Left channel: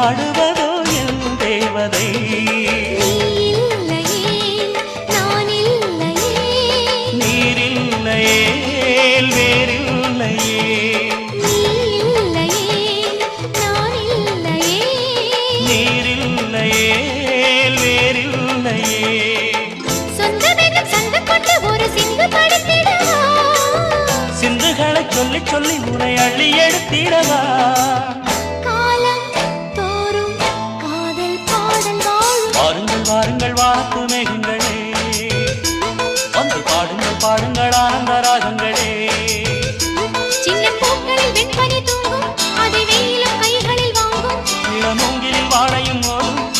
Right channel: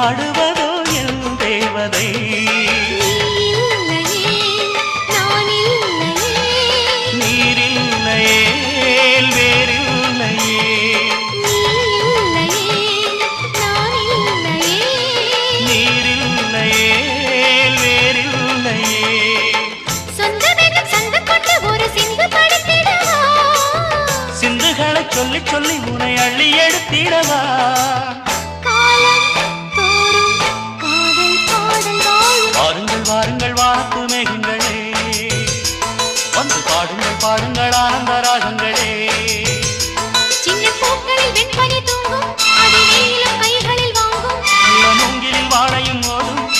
ஆடுவதோ என் தேவதை. நீரில்லையே வேறில்லையே, நீரில்லையே வேறில்லையே. சிந்துகளை சொல்லி சொல்லி உனை அள்ளி எடுத்திடவா. வாருங்கள் வாருங்கள் வாத்து மேகங்களே, வந்து பாடுங்கள் பாடுங்கள் ஆனந்த ராகங்களே. சின்ன பூக்களில் வெண்பனி தூங்கும்